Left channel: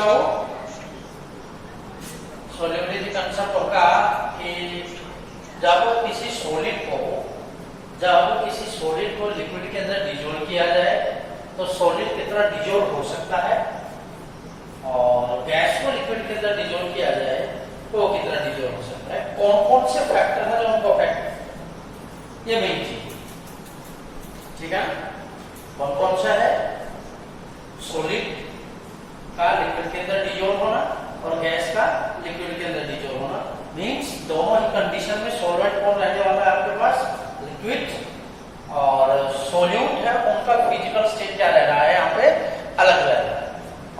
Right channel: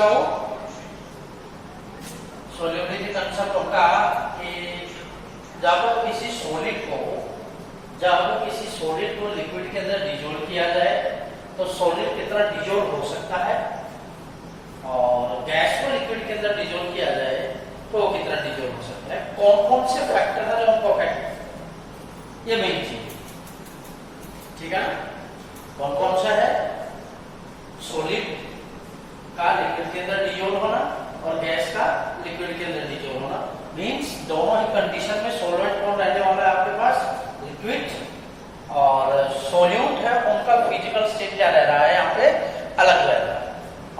किसका वो solubility concept होगा कि जब किसी सॉलिड को लिक्विड के अंदर डिजोल्व किया जाए तो सॉलिड कितना डिजोल्व हो सकता है, और गैस को लिक्विड के अंदर डिजोल्व किया जाए तो वो कितना डिजोल्व हो सकता है। कौन कौन से फैक्टर है जो उनको अफेक्ट, ये मेन चीज, ठीक है। कौन कौन सा है, सॉलिड का लिक्विड के अंदर डिजोल्व होना और गैस का लिक्विड के अंदर डिजोल्व होना। मीन्स दोनों ही कंडीशन में सॉल्वेंट कौन रहने वाला है आपके पास, लिक्विड, और सोल्यूट है उनका फिजिकल स्टेट क्या रह रहा है यहाँ पे, अलग रह रहा है।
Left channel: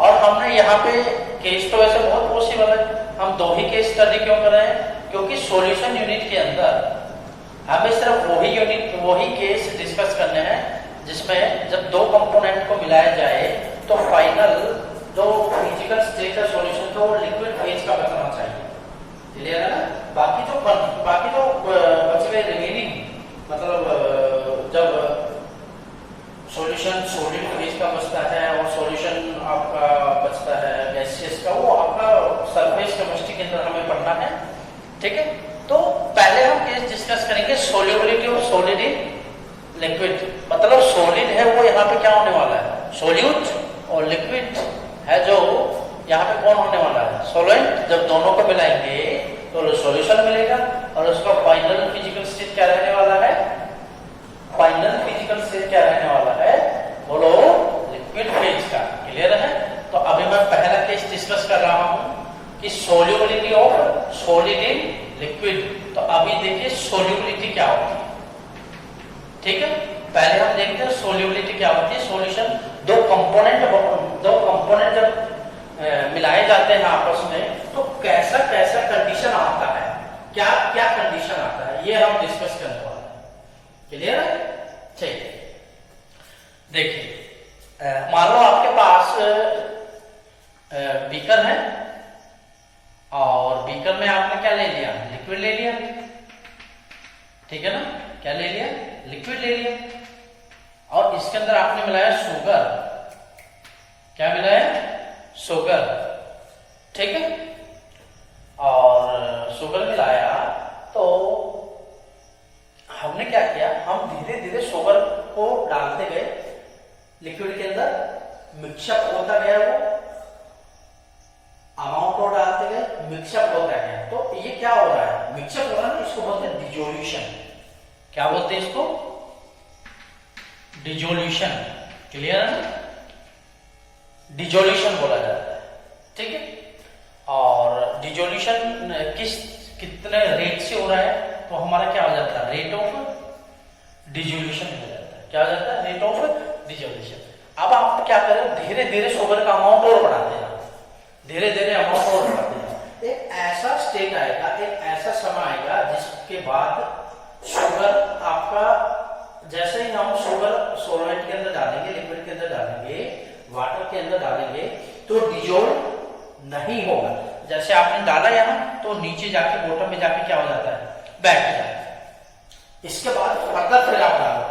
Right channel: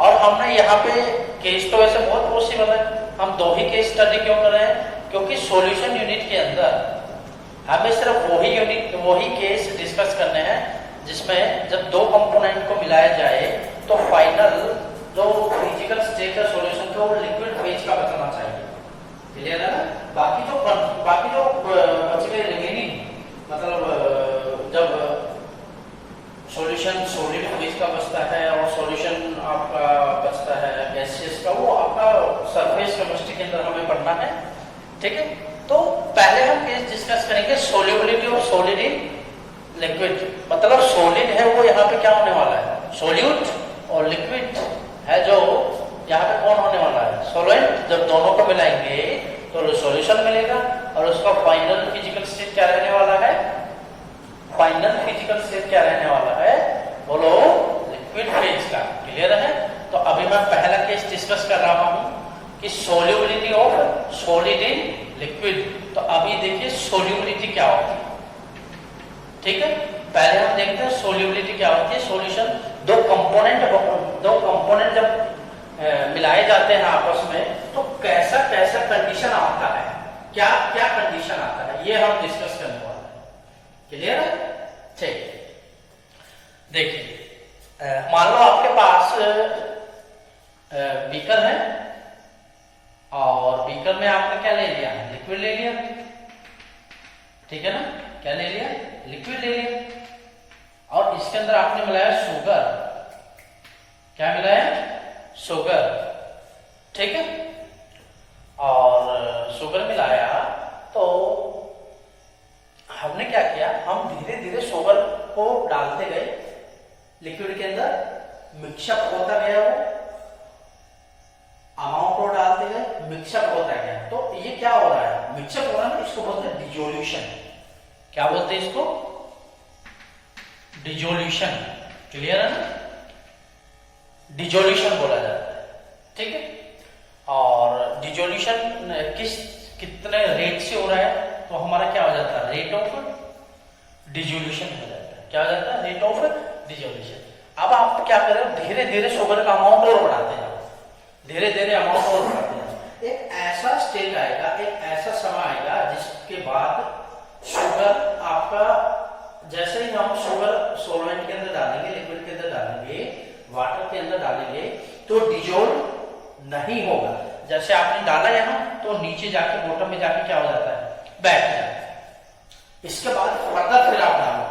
और हमने यहाँ पे केस तो वैसे बहुत पॉसिबल है, हम दो ही केस स्टडी क्यों कर रहे हैं, क्योंकि सॉल्यूशन यूनिट के अंदर हमें सिर्फ वही केस डिस्कस करने हैं जिसमें जब दो कंपोनेंट को मिलाया जाए तो फाइनल जो फिजिकल स्टेट है सॉल्यूशन का वो लिक्विड फेज का बताना चाहिए, क्लियर है ना। बाकी जो बच गए रिमेनिंग, मतलब जब सॉल्यूशन सॉलिड फेज का बचता है और सॉल्यूशन आपका बचता है गैसियस का, वो आपका सरफेस केमिस्ट्री के अंदर हमें पढ़ना है, ठीक है। तो पहले हम केस डिस्कस करेंगे solubility of solid in liquid, मतलब सॉलिड है वो यहाँ पे क्या होने वाला है, सोल्यूट, और लिक्विड है जो यहाँ पे कौन होने वाला है, सॉल्वेंट। जब दोनों को मिलाएंगे तो सॉल्यूशन मिलेगा और उसका फाइनल फिजिकल स्टेट क्या रहने वाला है, फाइनल फिजिकल स्टेट क्या रहने वाला है, बोलो, लिक्विड फेज का, क्लियर है। तो अभी मैं पहला केस डिस्कस कर रहा हूं कि solubility of solid in liquid. तो अभी देखिए सोल्यूबिलिटी क्या होती है, ठीक है। पहले हम देखते हैं सोल्यूबिलिटी क्या होती है। सॉल्यूशन दो कंपोनेंट जब मिलाए जाते हैं आपस में तो कैसा कैसा कंडीशन आता है, क्या क्या कंडीशन आता है, ये हम डिस्कस करने वाले हैं, क्लियर है, ठीक है। देखिए मान लो आपके पास बीकर है और बीकर में आपने क्या ले लिया, लिक्विड ले लिया, ठीक है ना, क्या ले लिया, लिक्विड ले लिया, और इसके अंदर आपने मिलाया शुगर, क्या मिलाया, शुगर, ठीक है। और शुगर मिलाया तो हमने क्या किया, हम धीरे धीरे शुगर को डालते गए लिक्विड के अंदर, मिक्सअप होता गया, वो अमाउंट को डालते गए, मिक्सअप होता गया। तो ये क्या हो रहा है, मिक्सअप हो रहा है ना, इसको बोलते हैं डिजोल्यूशन। क्या बोलते हैं इसको, डिजोल्यूशन, क्लियर है ना, डिजोल्यूशन बोला जाता है, ठीक है। और डिजोल्यूशन कितने रेट से हो रहा है, तो हमारा क्या हो जाता है, रेट ऑफ डिजोल्यूशन हो जाता है, क्या हो जाता है, रेट ऑफ डिजोल्यूशन। अब आप क्या करें, धीरे धीरे शुगर का अमाउंट और बढ़ाते हैं, धीरे धीरे अमाउंट और बढ़ाते हैं। एक ऐसा स्टेट आएगा, एक ऐसा समय आएगा जिसके बाद शुगर आपका, जैसे ही हम शुगर सॉल्वेंट के अंदर डालेंगे, लिक्विड के अंदर डालेंगे, वाटर के अंदर डालेंगे तो डिजोल्व नहीं होगा। जैसे आपने डाला यहां तो नीचे जाके बॉटम में जाके क्या हो जाता है, बैठ जाता है। इसके बाद फर्दर फिर आप डालो,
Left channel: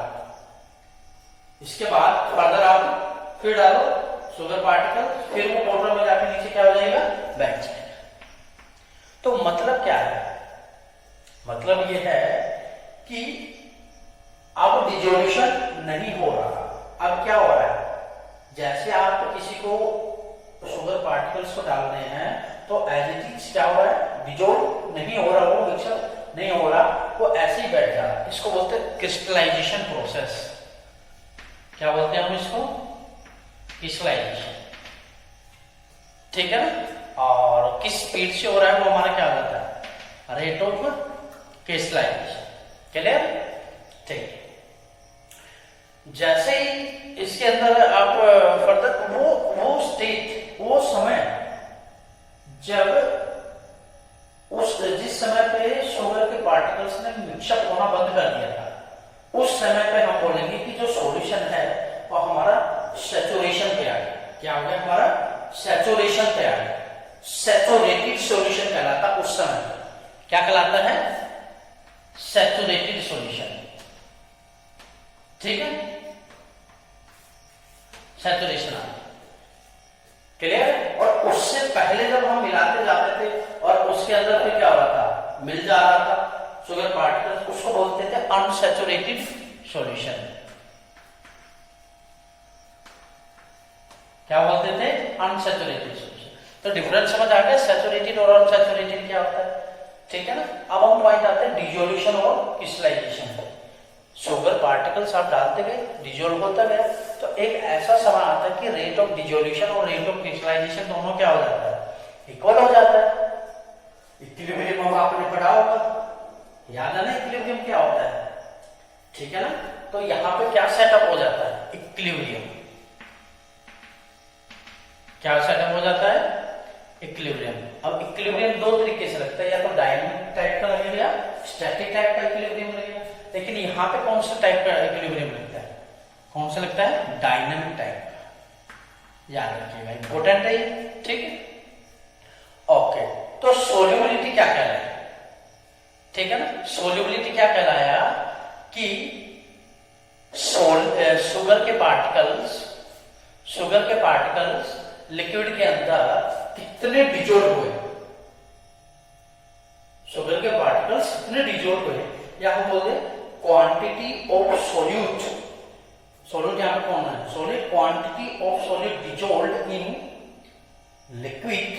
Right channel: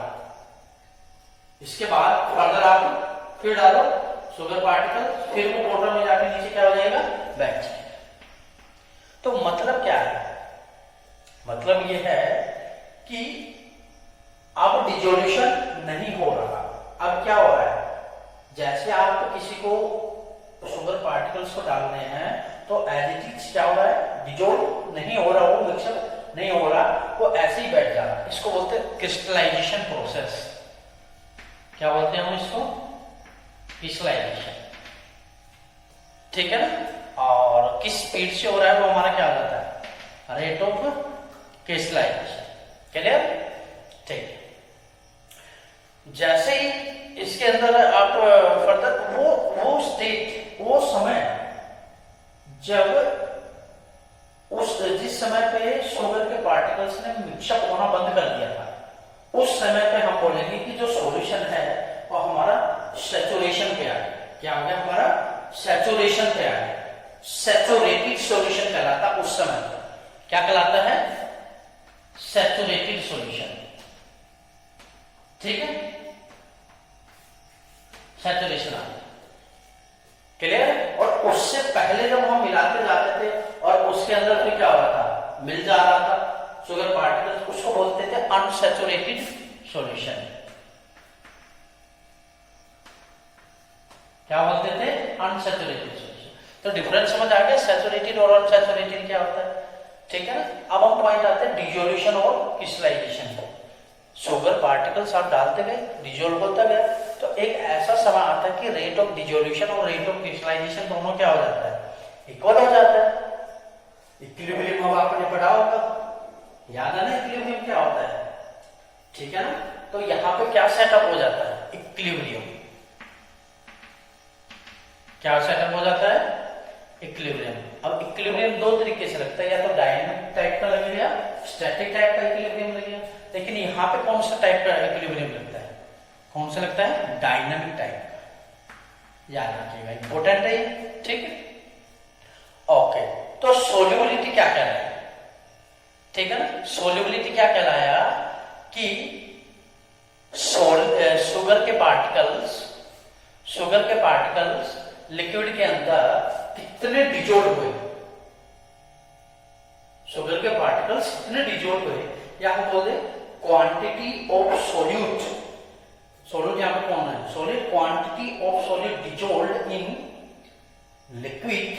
इसके बाद फर्दर आप फिर डालो शुगर पार्टिकल, फिर वो बॉटम में जाके नीचे क्या हो जाएगा, बैठ जाएगा। तो मतलब क्या है, मतलब ये है कि अब डिजोल्यूशन नहीं हो रहा। अब क्या हो रहा है, जैसे आप किसी को शुगर पार्टिकल्स को डाल रहे हैं तो एज इट इज क्या हो रहा है, डिजोल्व नहीं हो रहा, वो मिक्सअप नहीं हो रहा, वो ऐसे ही बैठ जा रहा है। इसको बोलते हैं क्रिस्टलाइजेशन प्रोसेस। क्या बोलते हैं हम इसको, क्रिस्टलाइजेशन, ठीक है ना। और किस स्पीड से हो रहा है वो हमारा क्या हो जाता है, रेट ऑफ क्रिस्टलाइजेशन, क्लियर, ठीक। जैसे ही इसके अंदर आप फर्दर वो स्टेट, वो समय जब जिस समय पे शुगर के पार्टिकल्स ने मिक्सअप होना बंद कर दिया था, उस समय पे हम बोलेंगे कि जो सॉल्यूशन है वो हमारा सैचुरेशन पे आ गया। क्या हो गया, हमारा सैचुरेशन पे आ गया, सैचुरेटेड सॉल्यूशन कहलाता उस समय पे। क्या कहलाता है, सैचुरेटेड सॉल्यूशन, ठीक है, सैचुरेशन आ गया, क्लियर। और उस अंदर में क्या हो रहा था, मिल जा रहा था शुगर पार्टिकल्स, उसको बोलते थे अनसैचुरेटेड सॉल्यूशन। क्या बोलते थे, अनसैचुरेटेड सॉल्यूशन। तो डिफरेंस समझ आ गया, सैचुरेटेड और अनसैचुरेटेड क्या होता है, ठीक है ना। अब हम पॉइंट आते हैं डिजोल्यूशन और क्रिस्टलाइजेशन। शुगर पार्टिकल्स आप डालते गए, डिजोल्व होता गया, तो एक ऐसा समय आता है कि रेट ऑफ डिजोल्यूशन और रेट ऑफ क्रिस्टलाइजेशन दोनों क्या हो जाता है, इक्वल हो जाता है। इक्विलिब्रियम अब आपने पढ़ा होगा, याद है ना इक्विलिब्रियम क्या होता है, ठीक है ना। तो यहां पे क्या सेटअप हो जाता है, इक्विलिब्रियम। क्या सेटअप हो जाता है, इक्विलिब्रियम। अब इक्विलिब्रियम दो तरीके से लगता है, या तो डायनामिक टाइप का लगेगा या स्टैटिक टाइप का इक्विलिब्रियम लगेगा। लेकिन यहां पे कौन सा टाइप का इक्विलिब्रियम लगता है, कौन सा लगता है, डायनामिक टाइप का, याद रखिएगा, इंपॉर्टेंट है ये, ठीक है। ओके, तो सोल्यूबिलिटी क्या कहलाया, ठीक है ना। सोल्यूबिलिटी क्या कहलाया कि शुगर के पार्टिकल्स लिक्विड के अंदर कितने डिजोल्व हुए, शुगर के पार्टिकल्स कितने डिजोल्व हुए, या हम बोलते क्वांटिटी ऑफ सोल्यूट, सोल्यूट यहां पर कौन है, solute, quantity of solute dissolve in liquid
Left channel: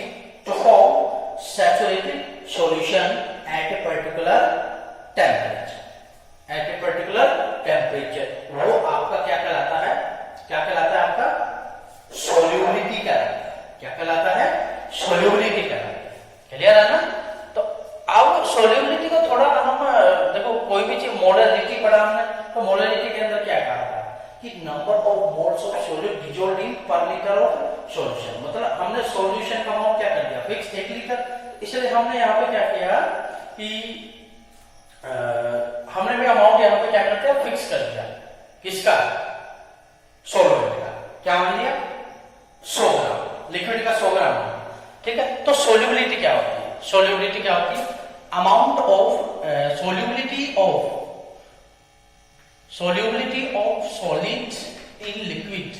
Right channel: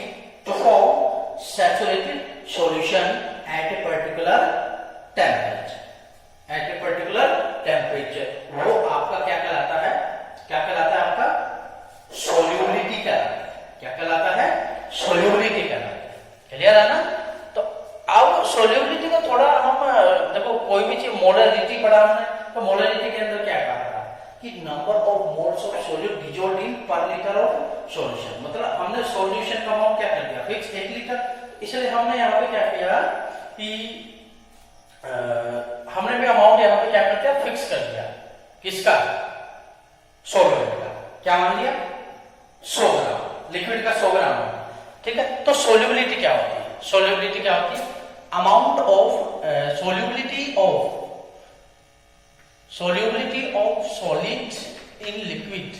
to form saturated solution at a particular temperature, at a particular temperature. वो आपका क्या कहलाता है, क्या कहलाता है, आपका सोल्यूबिलिटी कहलाता है। क्या कहलाता है, सोल्यूबिलिटी कहलाता है। क्लियर है ना। तो अब सोल्यूबिलिटी को थोड़ा हम देखो, कोई भी चीज मोलरिटी पढ़ा हमने, तो मोलरिटी के अंदर क्या कहा था कि number of moles of solute dissolve इन पर लीटर ऑफ सॉल्यूशन। मतलब हमने सॉल्यूशन का अमाउंट क्या कर दिया, फिक्स 1 लीटर। इसलिए हमने यहाँ पे क्या किया कि हमने भी अमाउंट यहाँ पे क्या कर दिया, फिक्स कर दिया, किसका, सॉल्वेंट का। क्या मान लिया, 100 ग्राम, लिक्विड का 100 ग्राम, ठीक है। तो सोल्यूबिलिटी क्या होती है, सोल्यूबिलिटी क्या होती है, amount of solubility of solids in liquid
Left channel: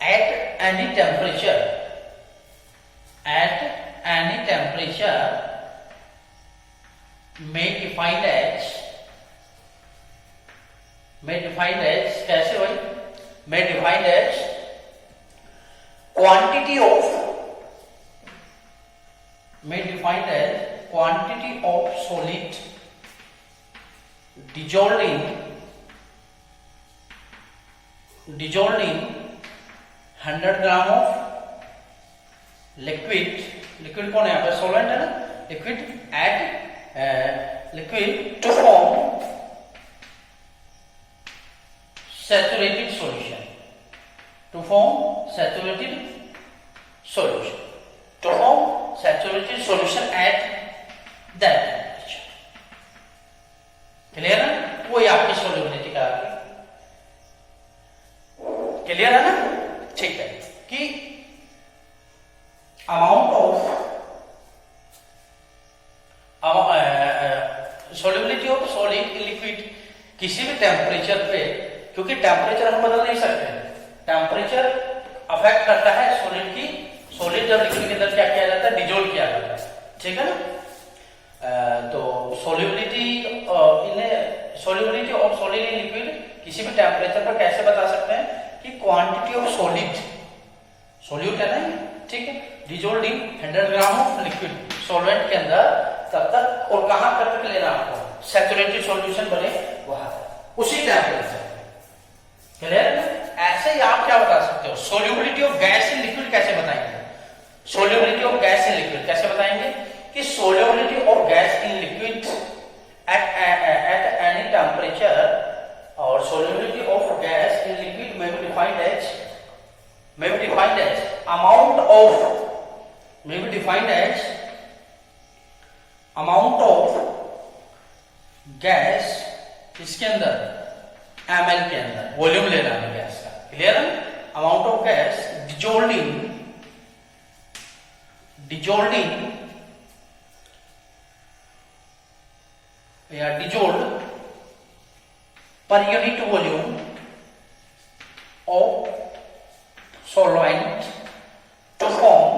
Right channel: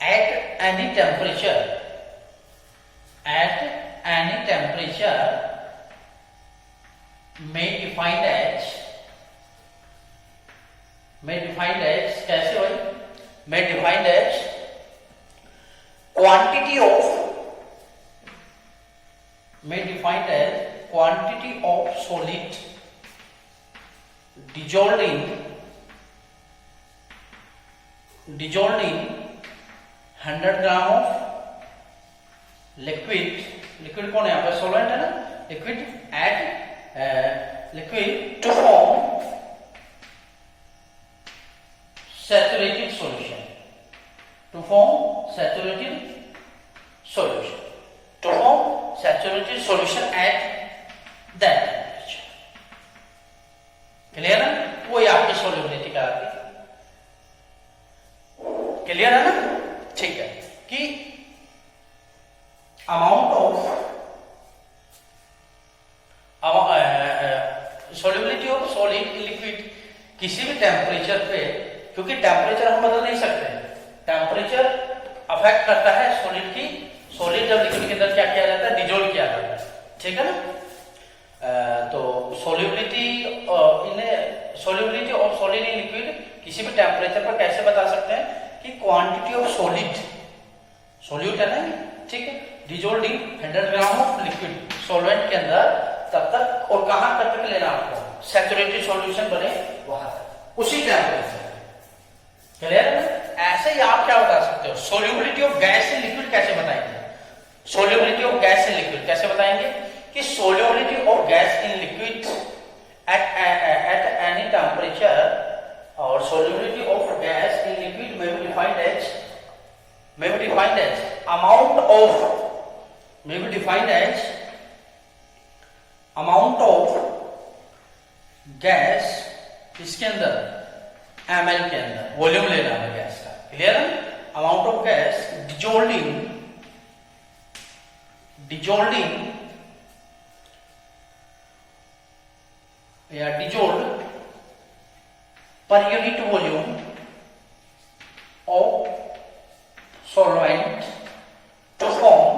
at any temperature में डिफाइंड एज कैसे हुई, में defined as quantity of solid dissolved in 100 gram of liquid कौन है यहाँ पे, सोलवेंट है ना, liquid to form saturated solution, at that. Clear है, वो आपकी सोल्यूबिलिटी का आती है। क्लियर है ना, ठीक है। कि amount of solubility of solid liquid किसी भी टेम्परेचर पे, क्योंकि टेम्परेचर हम बदल नहीं सकते, टेम्परेचर अफेक्ट करता है सॉलिड की, सॉलिड और लिक्विड के अंदर क्या किया जाता है, डिजोल्व किया जाता है, ठीक है ना। तो solubility of solid in liquid किसी भी टेम्परेचर पर कैसे बता सकते हैं कि क्वांटिटी ऑफ सोल्यूट है ना, ठीक है, dissolve in 100 gram of liquid, solvent के अंदर, तब तक, और कहां पर लेना आपको, सैचुरेटेड सॉल्यूशन बने वहां तक, उसी टेम्परेचर। क्लियर है ना। ऐसे ही आप क्या बता सकते हो, solubility of gas in liquid कैसे बताएंगे, solubility of gas in liquid कैसे बताएंगे कि solubility of gas in liquid at any temperature, or solubility of gas in liquid may be defined as amount of gas इसके अंदर, ml के अंदर, volume लेना है गैस का। क्लियर है, amount of gas dissolved per unit volume of solvent to form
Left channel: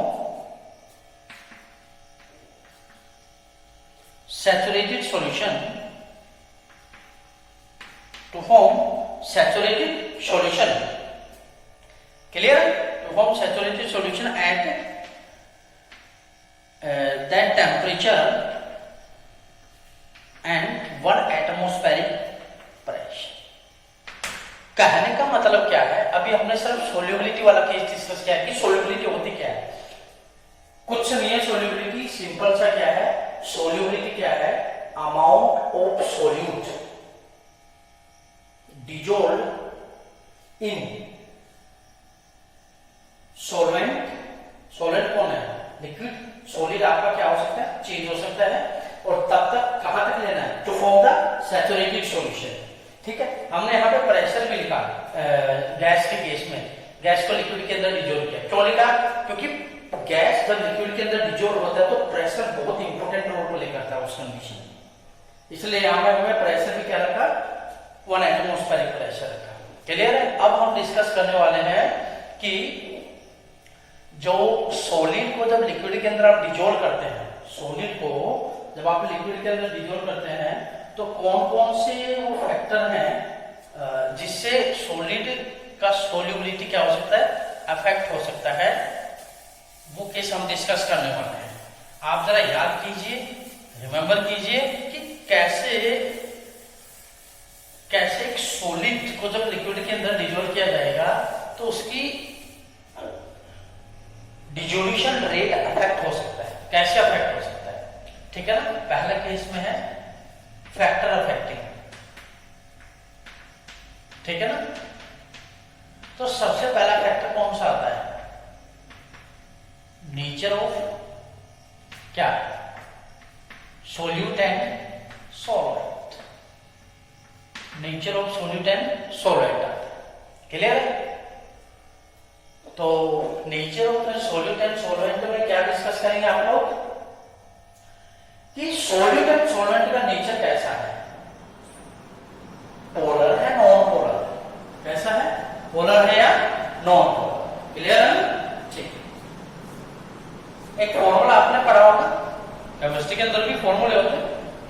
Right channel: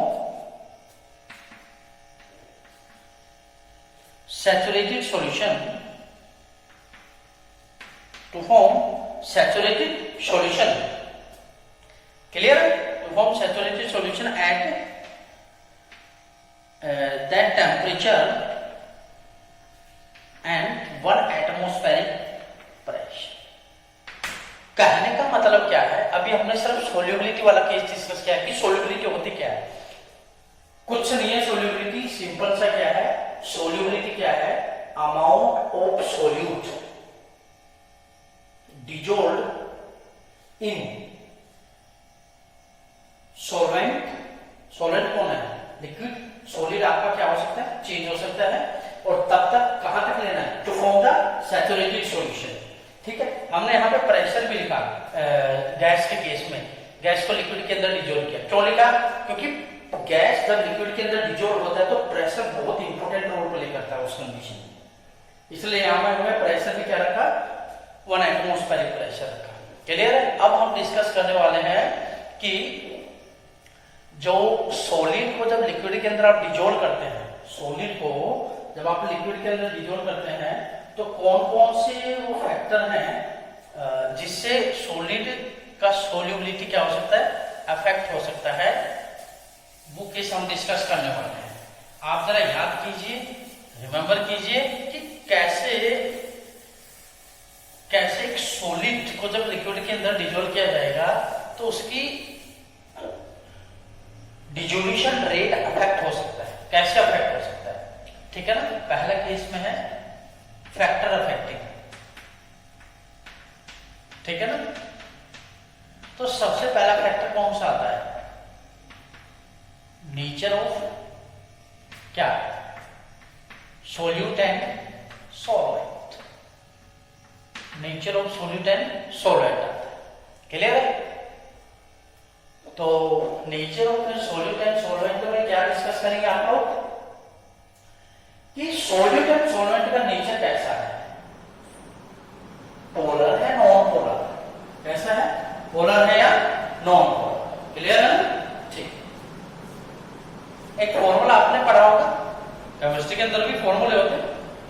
form saturated solution. Clear? To form saturated solution at that temperature and 1 atmospheric pressure. कहने का मतलब क्या है, अभी हमने सिर्फ सोल्यूबिलिटी वाला केस डिस्कस किया कि सोल्यूबिलिटी होती क्या है. कुछ नहीं है सोल्यूबिलिटी, सिंपल सा क्या है, सोल्यूबिलिटी क्या है, amount of solute dissolved in solvent. Solvent कौन है, लिक्विड. सॉलिड आपका क्या हो सकता है, चेंज हो सकता है, और तब तक कहां तक लेना है, to form the saturated solution. ठीक है, हमने यहाँ पे प्रेशर भी लिखा गैस के केस में, गैस को लिक्विड के अंदर डिजोल्व किया. क्यों लिखा, क्योंकि गैस जब लिक्विड के अंदर डिजोल्व होता है तो प्रेशर बहुत इंपॉर्टेंट रोल प्ले करता है उस कंडीशन में. इसलिए यहाँ पे हमें प्रेशर भी क्या रखा, 1 एटमॉस्फेरिक प्रेशर रखा. क्लियर है. अब हम डिस्कस करने वाले हैं कि जो सॉलिड को जब लिक्विड के अंदर आप डिजोल्व करते हैं, सॉलिड को जब आप लिक्विड के अंदर डिजोल्व करते हैं तो कौन कौन से वो फैक्टर हैं जिससे सॉलिड का सोल्यूबिलिटी क्या हो सकता है, अफेक्ट हो सकता है. वो केस हम डिस्कस करने वाले हैं. आप जरा याद कीजिए, रिमेंबर कीजिए कि कैसे एक सॉलिड को जब लिक्विड के अंदर डिजोल्व किया जाएगा तो उसकी डिजोल्यूशन रेट अफेक्ट हो सकता है, कैसे अफेक्ट हो सकता है. ठीक है ना. पहला केस में है फैक्टर अफेक्टिंग. ठीक है ना. तो सबसे पहला फैक्टर कौन सा आता है, नेचर ऑफ क्या, solute and solvent. Nature of solute and solvent. Clear है. तो nature of solute and solvent में क्या डिस्कस करेंगे आप लोग कि सोल्यूट एंड सॉल्वेंट का नेचर कैसा है, पोलर है, नॉन पोलर. कैसा है, पोलर है या नॉन पोलर. क्लियर है ना. ठीक. एक फॉर्मूला आपने पढ़ा होगा, केमिस्ट्री के अंदर भी फॉर्मूले होते हैं,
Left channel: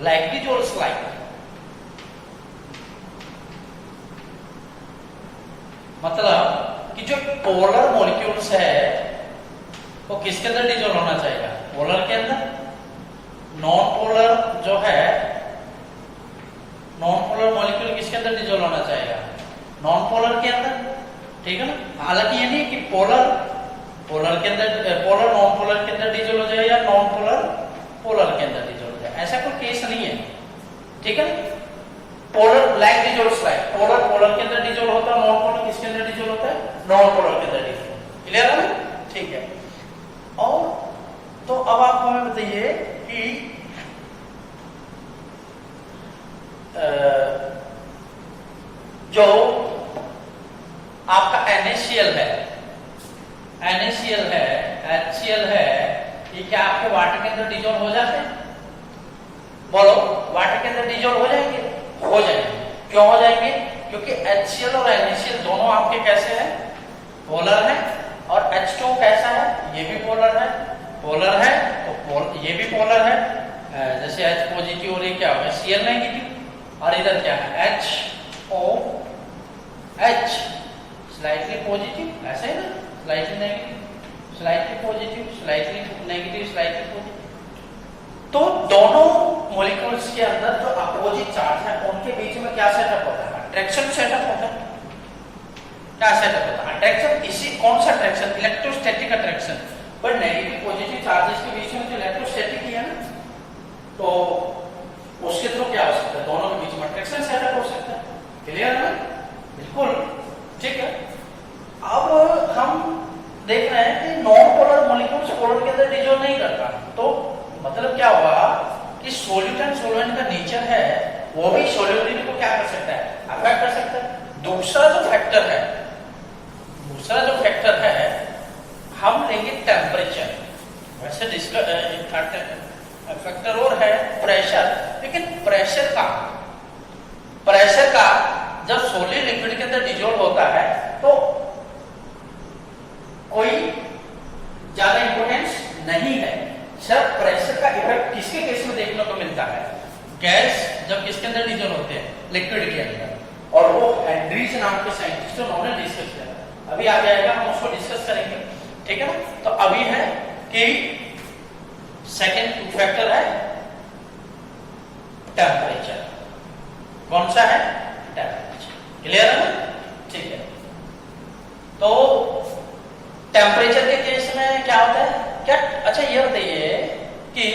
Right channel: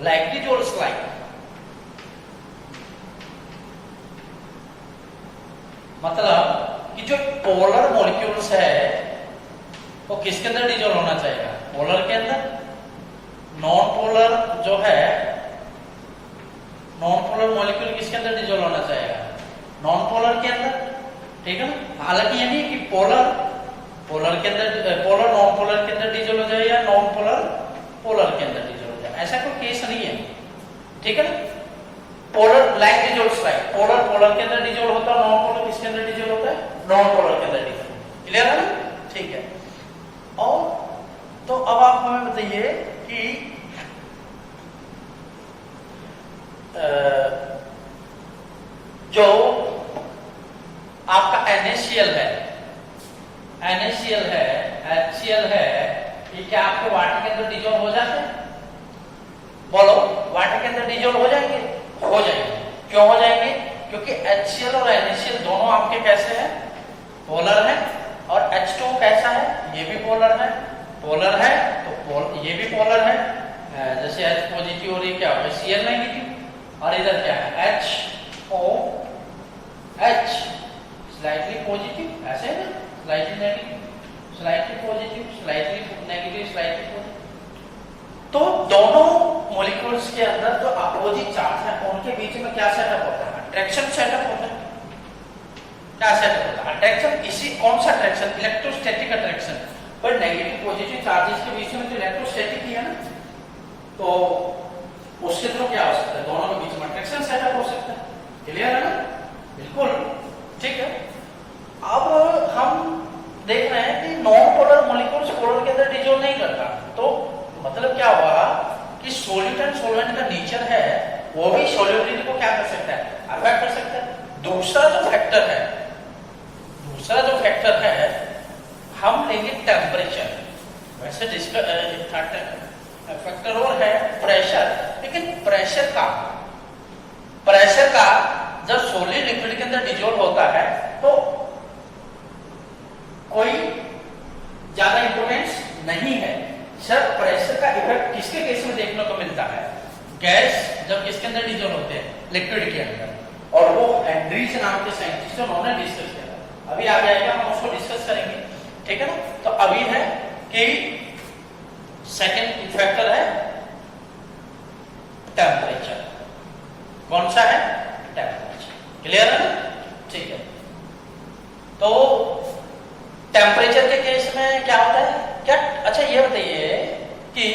लाइक डिजोल्व स्लाइड. मतलब कि जो पोलर मॉलिक्यूल्स है वो किसके अंदर डिजोल्व होना चाहिए, पोलर के अंदर. नॉन पोलर जो है, नॉन पोलर मॉलिक्यूल किसके अंदर डिजोल्व होना चाहिए, नॉन पोलर के अंदर. ठीक है ना. हालांकि ये नहीं कि पोलर के अंदर, पोलर नॉन पोलर के अंदर डिजोल्व हो जाए या नॉन पोलर पोलर के अंदर डिजोल्व हो जाए, ऐसा कोई केस नहीं है. ठीक है. Polar like dissolve slide, polar के अंदर डिजोल्व होता है, नॉन पोलर किसके अंदर डिजोल्व होता है, नॉन पोलर के अंदर डिजोल्व. क्लियर है ना. ठीक है. और तो अब आप हमें बताइए कि जो आपका NaCl है, HCl है, ये क्या आपके वाटर के अंदर डिजोल्व हो जाते हैं, बोलो, वाटर के अंदर डिजोल्व हो जाएंगे, हो जाएंगे. क्यों हो जाएंगे, क्योंकि HCl और NaCl दोनों आपके कैसे हैं, पोलर है. और H2 कैसा है, ये भी पोलर है, तो ये भी पोलर है. जैसे H पॉजिटिव और ये क्या हो गया, Cl नेगेटिव. और इधर क्या है, HOH, स्लाइटली पॉजिटिव, ऐसे है ना, slightly negative, slightly positive, slightly negative, slightly positive. तो दोनों मॉलिक्यूल्स के अंदर जो अपोजिट चार्ज है उनके बीच में क्या सेटअप होता है, अट्रैक्शन सेटअप होता है. क्या सेटअप होता है, अट्रैक्शन. इसी कौन सा अट्रैक्शन, इलेक्ट्रोस्टैटिक अट्रैक्शन. पर नेगेटिव पॉजिटिव चार्जेस के बीच में जो इलेक्ट्रोस्टैटिक ही है ना, तो उसके थ्रू क्या हो सकता है, दोनों के बीच में अट्रैक्शन सेटअप हो सकता है. क्लियर है ना. बिल्कुल. ठीक है. अब हम देख रहे हैं कि नॉन पोलर मॉलिक्यूल्स पोलर के अंदर डिजोल्व नहीं करता, तो मतलब क्या हुआ कि सोल्यूट एंड सॉल्वेंट का नेचर है वो भी सोल्यूबिलिटी को क्या कर सकता है, अफेक्ट कर सकता है. दूसरा जो फैक्टर है हम लेंगे टेम्परेचर. वैसे फैक्टर और है प्रेशर, लेकिन प्रेशर का जब सॉलिड लिक्विड के अंदर डिजोल्व होता है तो कोई ज्यादा इंपोर्टेंस नहीं है. सर प्रेशर का इफेक्ट किसके केस में देखने को मिलता है, गैस जब किसके अंदर डिजोल्व होते हैं, लिक्विड के अंदर. और वो हेनरीज नाम के साइंटिस्ट उन्होंने डिस्कस किया था। अभी आ जाएगा, हम उसको डिस्कस करेंगे, ठीक है ना। तो अभी है कि सेकेंड फैक्टर है टेम्परेचर। कौन सा है? टेम्परेचर। क्लियर है ना? ठीक है। तो टेम्परेचर के केस में क्या होता है? क्या अच्छा ये बताइए कि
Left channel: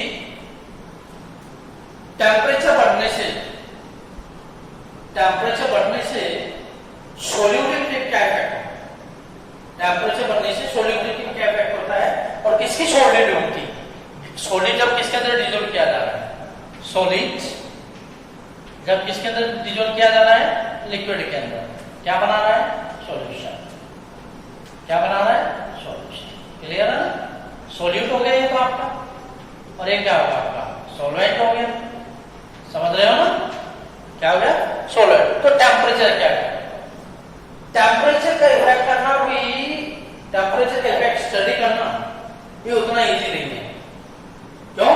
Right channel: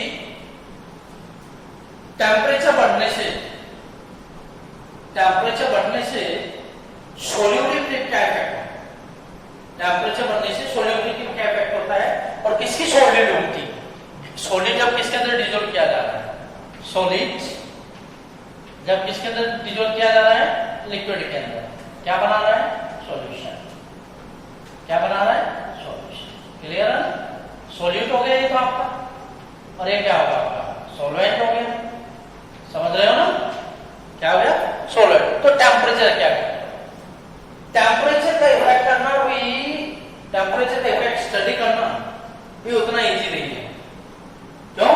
टेम्परेचर बढ़ने से सोल्यूबिलिटी क्या इफेक्ट होता है? टेम्परेचर बढ़ने से सोल्यूबिलिटी क्या इफेक्ट होता है? और किसकी सोल्यूबिलिटी? सॉलिड जब किसके अंदर डिजोल्व किया जा रहा है? सॉलिड जब किसके अंदर डिजोल्व किया जा रहा है? लिक्विड के अंदर। क्या बना रहा है? सॉल्यूशन। क्या बना रहा है? सॉल्यूशन। क्लियर है? सॉल्यूट हो गया ये तो आपका, और ये क्या होगा आपका? सॉल्वेंट हो गया। समझ रहे हो ना? क्या हो गया? सॉल्वेंट। तो टेम्परेचर क्या है? टेम्परेचर का इफेक्ट करना भी, टेम्परेचर का इफेक्ट स्टडी करना भी उतना इजी नहीं है। क्यों?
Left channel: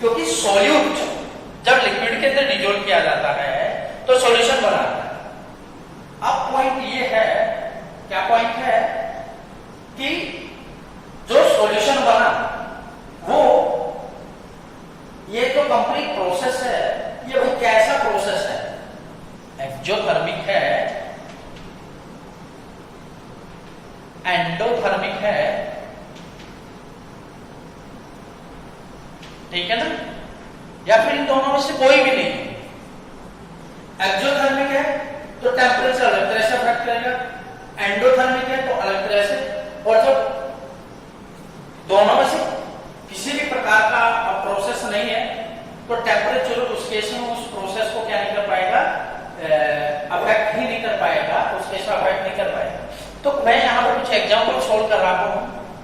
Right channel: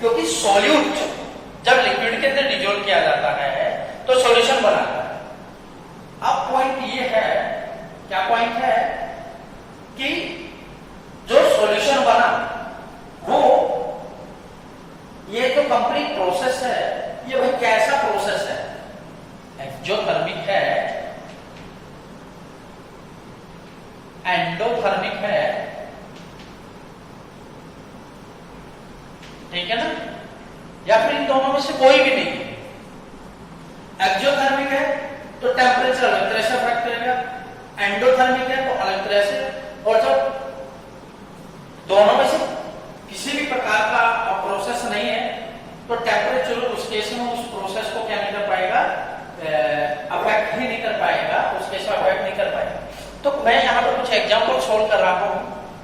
क्योंकि सॉल्यूट जब लिक्विड के अंदर डिजोल्व किया जाता है तो सॉल्यूशन बनाता है। अब पॉइंट ये है, क्या पॉइंट है कि जो सॉल्यूशन बना वो, ये जो कंप्लीट प्रोसेस है, ये भाई कैसा प्रोसेस है? एक्सोथर्मिक है, एंडोथर्मिक है, ठीक है ना, या फिर इन दोनों में से कोई भी नहीं है। एक्सोथर्मिक है तो टेम्परेचर अलग तरह से अफेक्ट करेगा, एंडोथर्मिक है तो अलग तरह से, और जब दोनों में से किसी भी प्रकार का प्रोसेस नहीं है तो टेम्परेचर उस केस में उस प्रोसेस को क्या नहीं कर पाएगा? अफेक्ट ही नहीं कर पाएगा, उस केस में अफेक्ट नहीं कर पाएगा। तो मैं यहाँ पर कुछ एग्जाम्पल सोल्व कर रहा हूँ।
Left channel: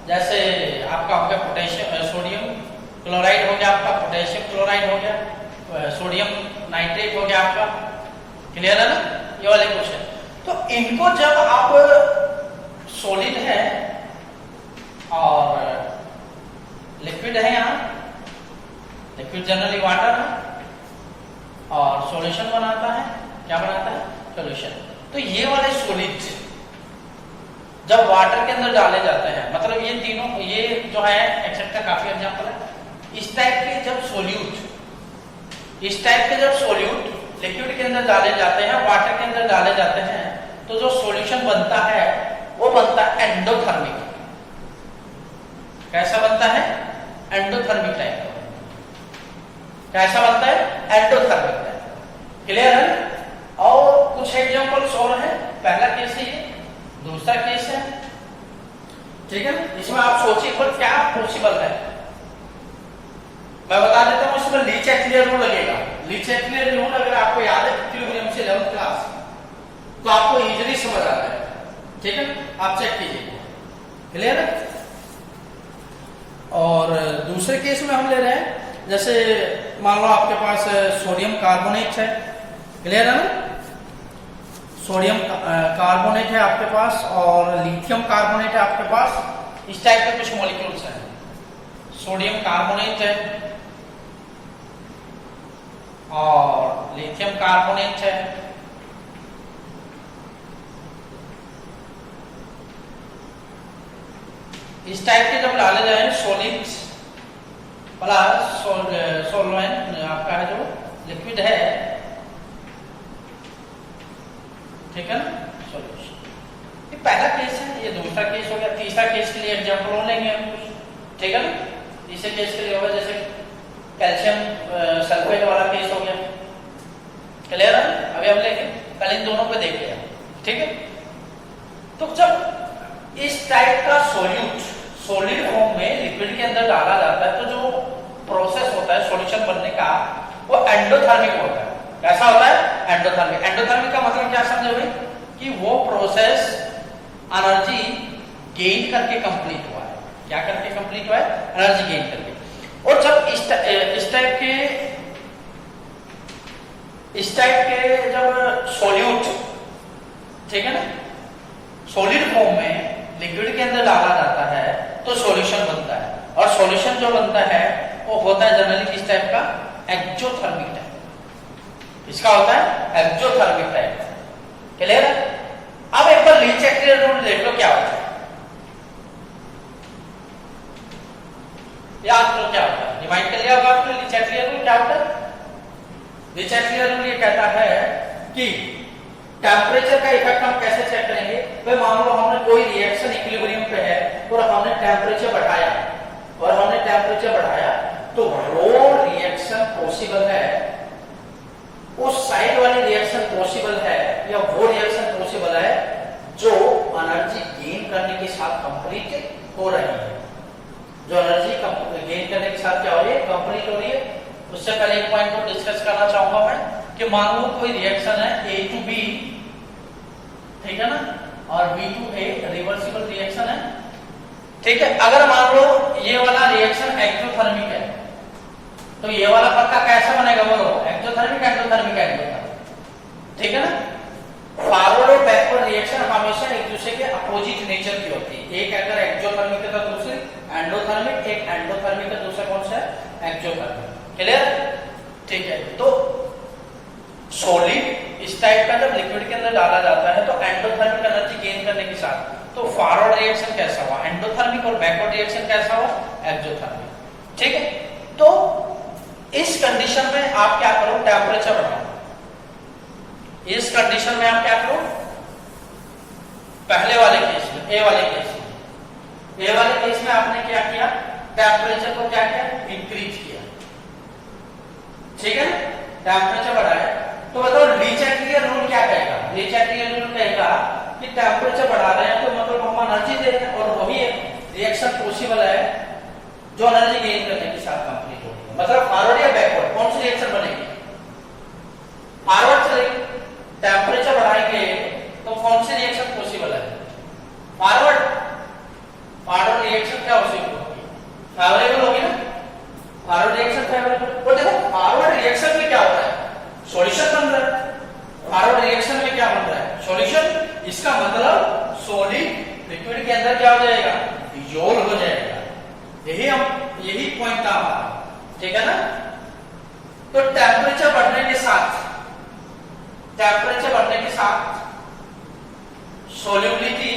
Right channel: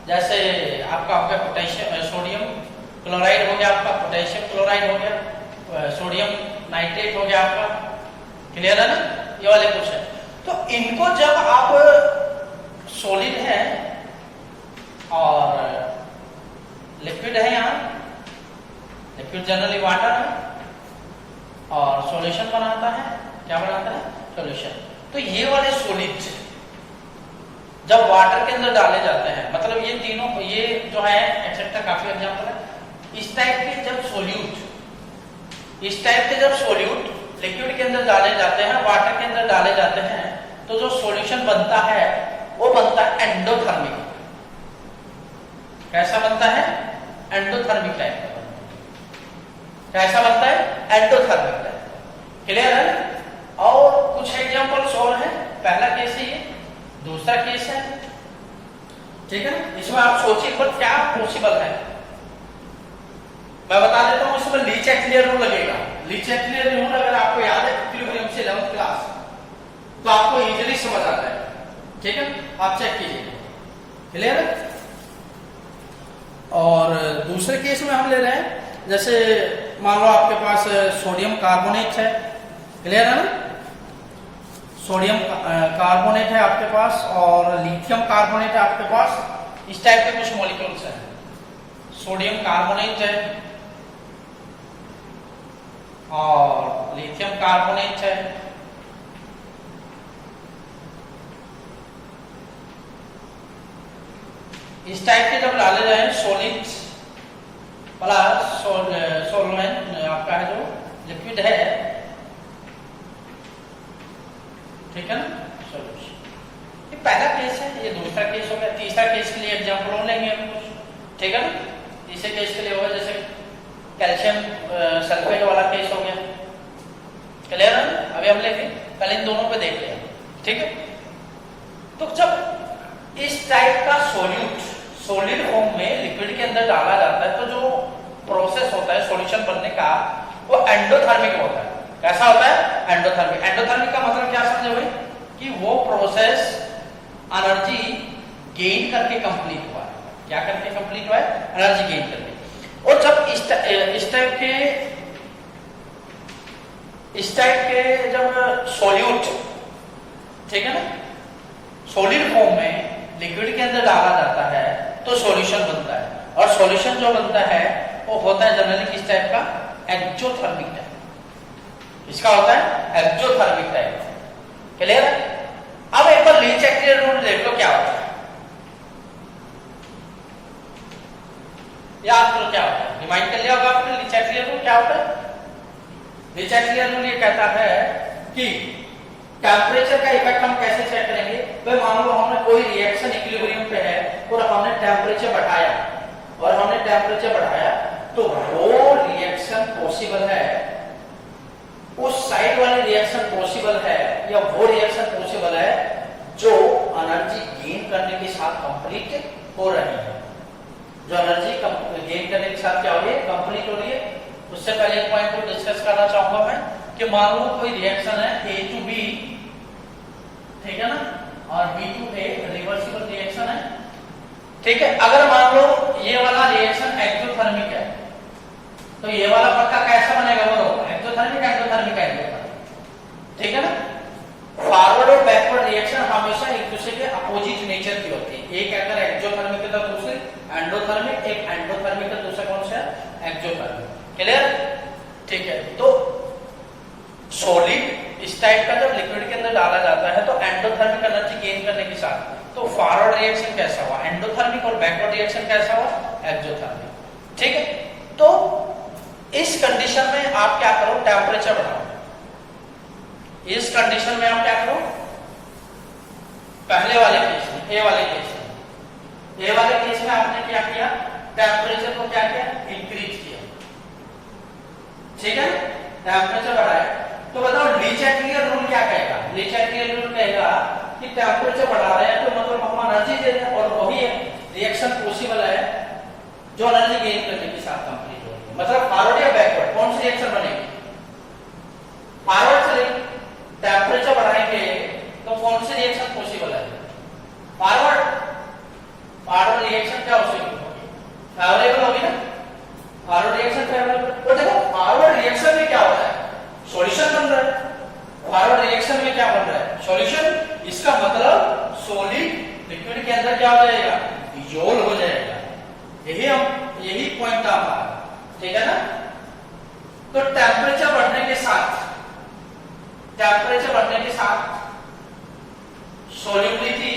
जैसे आपका हो गया पोटेशियम, सोडियम क्लोराइड हो गया आपका, पोटेशियम क्लोराइड हो गया, सोडियम नाइट्रेट हो गया आपका। क्लियर है ना? ये वाले क्वेश्चन। तो इनको जब आप सॉलिड है और लिक्विड है, यहाँ लिक्विड जनरली वाटर है, और सॉल्यूशन बनाता है, क्या बनाता है? सॉल्यूशन। तो ये वाले सॉलिड जब वाटर के अंदर डाले जाते हैं, मतलब ये तीनों, ये जो है एक्सेट्रा काफी एग्जांपल है। इस टाइप के जब सोल्यूट, इस टाइप के जब सोल्यूट लिक्विड के अंदर डाले जाते हैं, वाटर के अंदर डाले जाते हैं, तो जो सॉल्यूशन बनता है वो बनता है एंडोथर्मिक। कैसा बनता है? एंडोथर्मिक टाइप का बनता है। कैसा बनता है? Endothermic type. क्लियर है? और कुछ एग्जांपल्स और है। पहला केस है ये, दूसरा केस है, ठीक है। इसमें आप सोचिए पर क्या पॉसिबल है, मैं बता देता हूं। इसमें लीच एक्लियर रूल लगेगा। लीच एक्लियर रूल अगर आपको याद है इक्विलिब्रियम से 11th क्लास, तो आपको इजीली समझ आता है, ठीक है। आप चेक कीजिए। क्लियर है? और दूसरे केस में हम ले रहे हैं, जैसे मान लो आपके पास सोडियम कार्बोनेट है। क्लियर है ना? सोडियम कार्बोनेट है आपके पास और लिथियम कार्बोनेट है आपके पास। इस टाइप के कुछ मॉलिक्यूल्स हैं। सोडियम कार्बोनेट है और लिथियम कार्बोनेट है। इस टाइप के जब डाले जाए सॉलिड्स प्लस सॉल्वेंट आपका है जो लिक्विड है, ठीक है ना, सॉल्यूशन। ये पहला केस है, ये दूसरा केस हो गया। तीसरा केस के लिए एग्जांपल और लेंगे हम कुछ, ठीक है ना। तीसरे केस के लिए होगा जैसे कैल्शियम सल्फेट वाला केस हो गया। क्लियर है? अभी हम लेंगे, पहले इन दोनों को देखिए, ठीक है। तो जब इस टाइप का सॉल्यूट सॉलिड फॉर्म में लिक्विड के अंदर डाला जाता है, तो जो प्रोसेस होता है सॉल्यूशन बनने का, वो एंडोथर्मिक होता है। कैसा होता है? एंडोथर्मिक। एंडोथर्मिक का मतलब क्या समझे भाई? कि वो प्रोसेस एनर्जी गेन करके कंप्लीट हुआ है। क्या करके कंप्लीट हुआ है? एनर्जी गेन करके। और जब इस टाइप के जब सॉल्यूट, ठीक है ना, सॉलिड फॉर्म में लिक्विड के अंदर डाला जाता है तो सॉल्यूशन बनता है। और सॉल्यूशन जो बनता है वो होता है जनरली किस टाइप का? Exothermic type. इसका होता है एक्सोथर्मिक टाइप। क्लियर है? अब एक बार ली चैटलियर रूल देख लो क्या होता है, याद करो क्या होता है, रिमाइंड कर लिया होगा आपने ली चैटलियर रूल क्या होता है। ली चैटलियर रूल ये कहता है कि टेम्परेचर का इफेक्ट हम कैसे चेक करेंगे। तो मान लो हमने कोई रिएक्शन इक्विलिब्रियम पे है और हमने टेम्परेचर बढ़ाया तो वो रिएक्शन पॉसिबल है, उस साइड वाली रिएक्शन पॉसिबल है या वो रिएक्शन पॉसिबल है जो एनर्जी गेन करने के साथ कंप्लीट हो रही है, जो एनर्जी गेन करने के साथ क्या हो रही है, कंप्लीट हो रही है। उससे पहले एक पॉइंट को डिस्कस करना चाहूंगा मैं कि मान लो कोई रिएक्शन है A to B, ठीक है ना, और B to A reversible reaction है, ठीक है। अगर मान लो ये वाला रिएक्शन एक्सोथर्मिक है तो ये वाला पक्का कैसा बनेगा, बोलो, एक्सोथर्मिक एंडोथर्मिक, ठीक है ना। फॉरवर्ड और बैकवर्ड रिएक्शन हमेशा एक दूसरे के अपोजिट नेचर की होती है, एक अगर एक्सोथर्मिक है तो दूसरे एंडोथर्मिक, एक एंडोथर्मिक है दूसरा कौन सा है, एक्सोथर्मिक। क्लियर? ठीक है। तो सॉलिड इस टाइप का जब लिक्विड के अंदर डाला जाता है तो एंडोथर्मिक एनर्जी गेन करने के साथ तो फॉरवर्ड रिएक्शन कैसा हुआ, एंडोथर्मिक, और बैकवर्ड रिएक्शन कैसा हुआ, एक्सोथर्मिक, ठीक है। तो इस कंडीशन में आप क्या करो, टेम्परेचर बढ़ाओ। इस कंडीशन में आप क्या करो, पहले वाले केस में, ए वाले केस में आपने क्या किया, टेम्परेचर को क्या किया, इंक्रीज किया, ठीक है। टेम्परेचर बढ़ाया तो बताओ ली चैटलियर रूल क्या कहेगा, ली चैटलियर रूल कहेगा कि टेम्परेचर बढ़ा रहे हैं तो मतलब हम एनर्जी दे रहे हैं और वही रिएक्शन पॉसिबल है जो एनर्जी गेन करने के साथ कंप्लीट हो रही है। मतलब फॉरवर्ड या बैकवर्ड कौन सी रिएक्शन बनेगी, फॉरवर्ड चलेगी। टेम्परेचर बढ़ाएंगे तो कौन सी रिएक्शन पॉसिबल है, फॉरवर्ड रिएक्शन क्या होगी, फेवरेबल होगी ना, फॉरवर्ड रिएक्शन फेवरेबल। तो देखो फॉरवर्ड रिएक्शन में क्या होता है, सॉल्यूशन बन रहा है, फॉरवर्ड रिएक्शन में क्या बन रहा है, सॉल्यूशन। इसका मतलब सॉलिड लिक्विड के अंदर क्या हो जाएगा, डिसॉल्व हो जाएगा। यही पॉइंट था हमारा, ठीक है ना। तो टेम्परेचर बढ़ने के साथ सॉल्युबिलिटी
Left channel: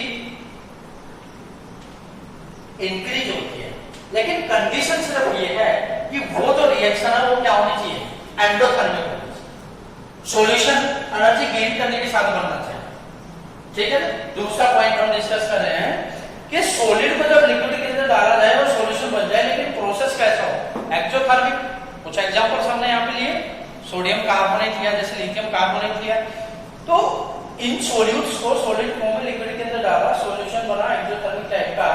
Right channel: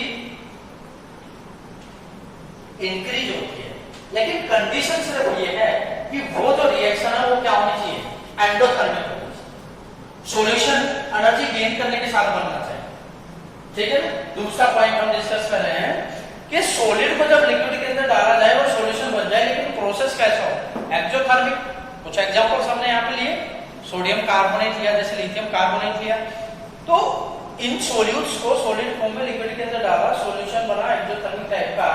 इंक्रीज होती है, लेकिन कंडीशन सिर्फ ये है कि वो जो रिएक्शन है वो क्या होनी चाहिए, एंडोथर्मिक होनी चाहिए, सॉल्यूशन एनर्जी गेन करने के साथ बनना चाहिए, ठीक है। दूसरा पॉइंट हम डिस्कस कर रहे हैं कि सॉलिड को जब लिक्विड के अंदर डाला जाए और सॉल्यूशन बन जाए, लेकिन प्रोसेस कैसा हो, एक्सोथर्मिक। कुछ एग्जांपल्स हमने यहाँ पे लिए, सोडियम कार्बोनेट लिया, जैसे लिथियम कार्बोनेट लिया, तो इन सॉल्यूट्स को सॉलिड फॉर्म में लिक्विड के अंदर डाला, सॉल्यूशन बना एक्सोथर्मिक टाइप का।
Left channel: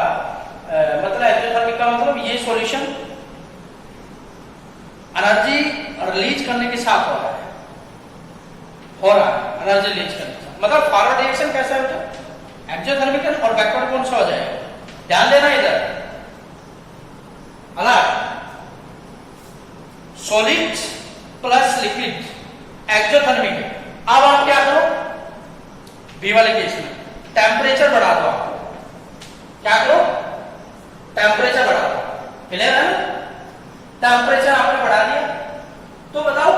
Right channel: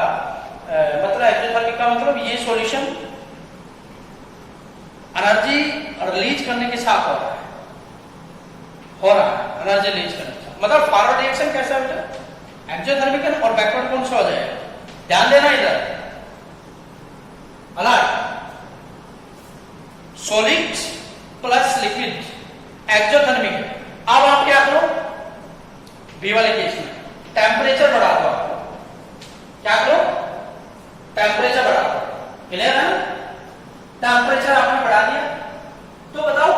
मतलब एक्सोथर्मिक का मतलब ये सॉल्यूशन एनर्जी रिलीज करने के साथ हो रहा है एनर्जी रिलीज करने के साथ। मतलब फॉरवर्ड रिएक्शन कैसा है, एक्सोथर्मिक, और बैकवर्ड कौन सा हो जाएगा, ध्यान देना इधर, alert. Solid plus liquid exothermic. अब आप क्या करो, बी वाले केस में टेम्परेचर बढ़ा दो, आपको क्या करो, टेम्परेचर बढ़ा दो। क्लियर है ना, टेम्परेचर आपने बढ़ा दिया तो बताओ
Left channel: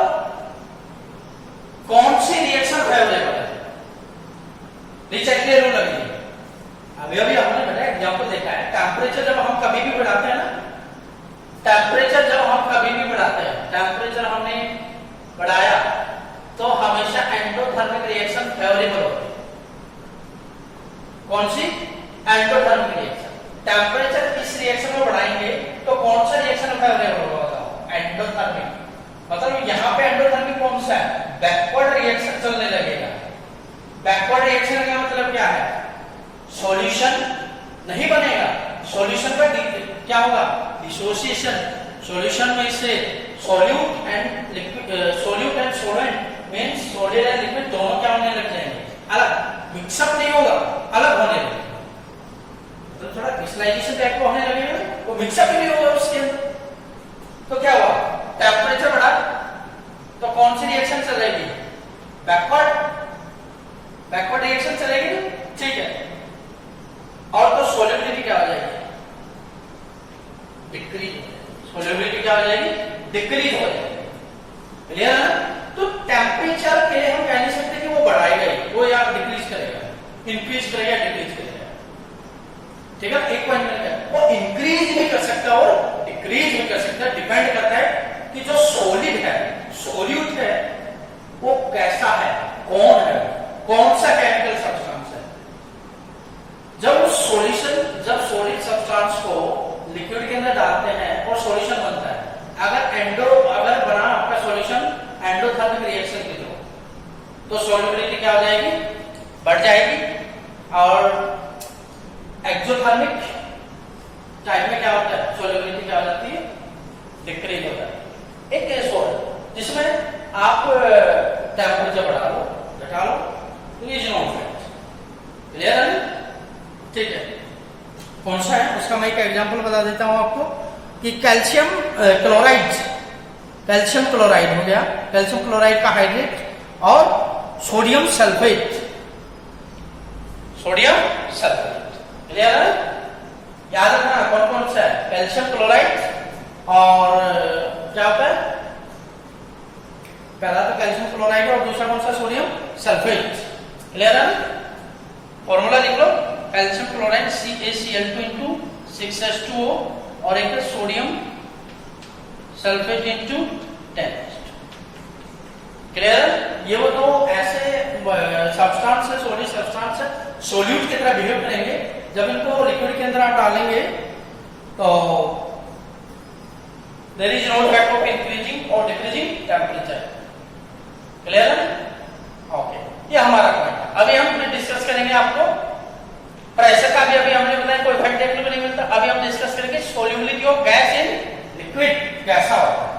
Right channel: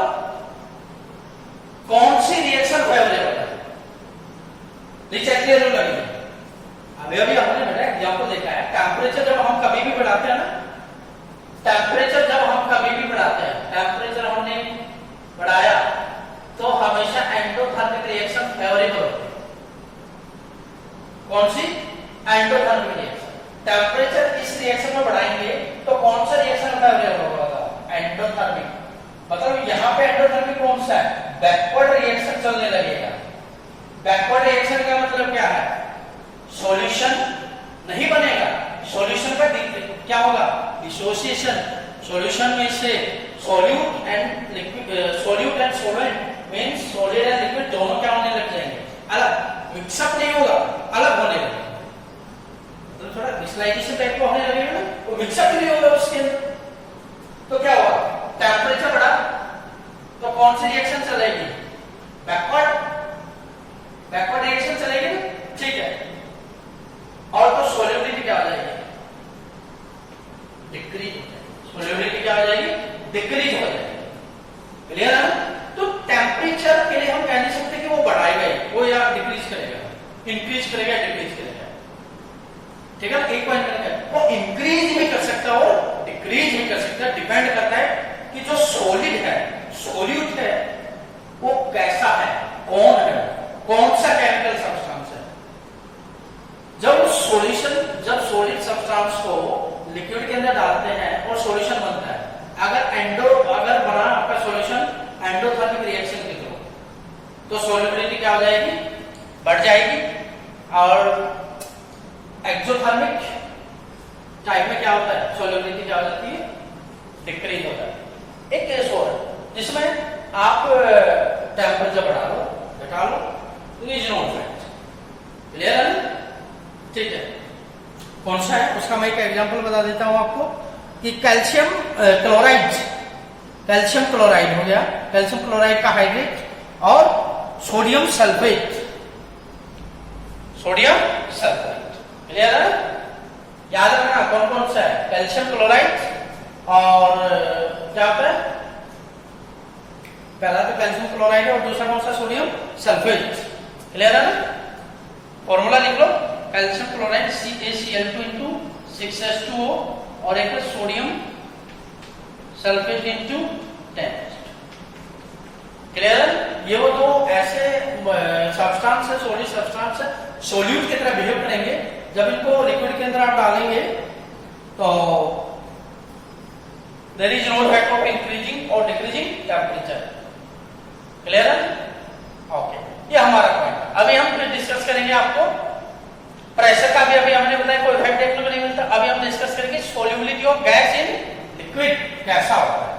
कौन सी रिएक्शन फेवरेबल है, चैटलियर रूल लगेगी। अभी हमने बेटा एग्जाम्पल देखा है, टेम्परेचर जब हम कभी भी बढ़ाते हैं ना, टेम्परेचर हमने बढ़ाया तो हमेशा एंडोथर्मिक रिएक्शन फेवरेबल होती है। कौन सी, एंडोथर्मिक रिएक्शन। टेम्परेचर इस रिएक्शन में बढ़ाएंगे तो कौन सा रिएक्शन फेवरेबल होगा, एंडोथर्मिक। मतलब यहाँ पे एंडोथर्मिक कौन सा है, बैकवर्ड रिएक्शन चलने लगेगा। बैकवर्ड रिएक्शन का मतलब क्या है, सॉल्यूशन नहीं बनेगा, सॉल्यूशन का क्या होगा, डिसोसिएशन। सॉल्यूशन में से solute and liquid, solute and solvent means solid and liquid दोनों क्या होने लग जाएंगे, अलग, मिक्सअप नहीं होगा, अलग होने लगेगा। तो थोड़ा क्रिस्टलाइजेशन टाइप का होने लगेगा ना, तो मिक्सअप नहीं होगा उसके अंदर। तो क्या होगा, टेम्परेचर बढ़ा तो कौन सी रिएक्शन चलेगी, बैकवर्ड रिएक्शन चलेगी ना, ठीक है। और तो सॉल्युबिलिटी क्या आ जाएगी, डिक्रीज हो जाएगी। सॉल्युबिलिटी क्या आ जाएगी, डिक्रीज हो जाएगी। क्लियर है ना। तो टेम्परेचर के लिए हम कह नहीं सकते कि वो बढ़ाएगा, वो या डिक्रीज इंक्रीज करेगा डिक्रीज करेगा, ठीक है। एक पॉइंट मैंने कहा वो इंक्रीज भी कर सकता है और डिक्रीज भी कर सकता है, डिपेंड करता है कि जो सॉलिड है, सॉल्यूट है, वो कैसा है, कौन है, कौन सा केमिकल सब्सटेंस है। जब सॉलिड सब्सटेंस को लिक्विड के अंदर डालते हैं और सॉल्यूशन बनता है, अगर बना आपका सॉल्यूशन एंडोथर्मिक रिएक्शन के थ्रू, तो सॉल्युबिलिटी क्या हो जाएगी, बढ़ जाएगी, और एक्सोथर्मिक टाइप में क्या होता है, सॉल्युबिलिटी क्या हो जाती है, डिक्रीज होता है। एक केस और है जिसमें आप टेम्परेचर बढ़ा लो, घटा लो, रीजन ऑफ फैक्ट, क्लियर है ना, ठीक है। कौन सा है उसका मैं एक एग्जांपल बता देता हूं आपको कि कैल्शियम क्लोराइड हो गया, कैल्शियम क्लोराइड का हाइड्रेट, और सोडियम सल्फेट, क्लियर है, याद रखना कौन कौन सा है, कैल्शियम क्लोराइड और क्या होता है, पहला तो कैल्शियम क्लोराइड है और दूसरा कौन सा, सोडियम सल्फेट, क्लियर है ना। फॉर्मूला लिख लो, calcium chloride CaCl2 into 6H2O और एक सोडियम सल्फेट into 10, क्लियर है। ये वो दो ऐसे सब्सटेंस है, सॉलिड सब्सटेंस है, सोल्यूट की तरह बिहेव करेंगे। जब इनको लिक्विड के अंदर आप डालेंगे तो there is no effect of increasing और डिक्रीजिंग टेम्परेचर, क्लियर है, ओके। ये हमारा पॉइंट। अभी हम डिस्कस करेंगे आपको प्रेशर का भी, अभी हमने बताया कोई इफेक्ट देखने को नहीं मिलता। अभी हम डिस्कस करेंगे solubility of gas in liquid कैसा होता है।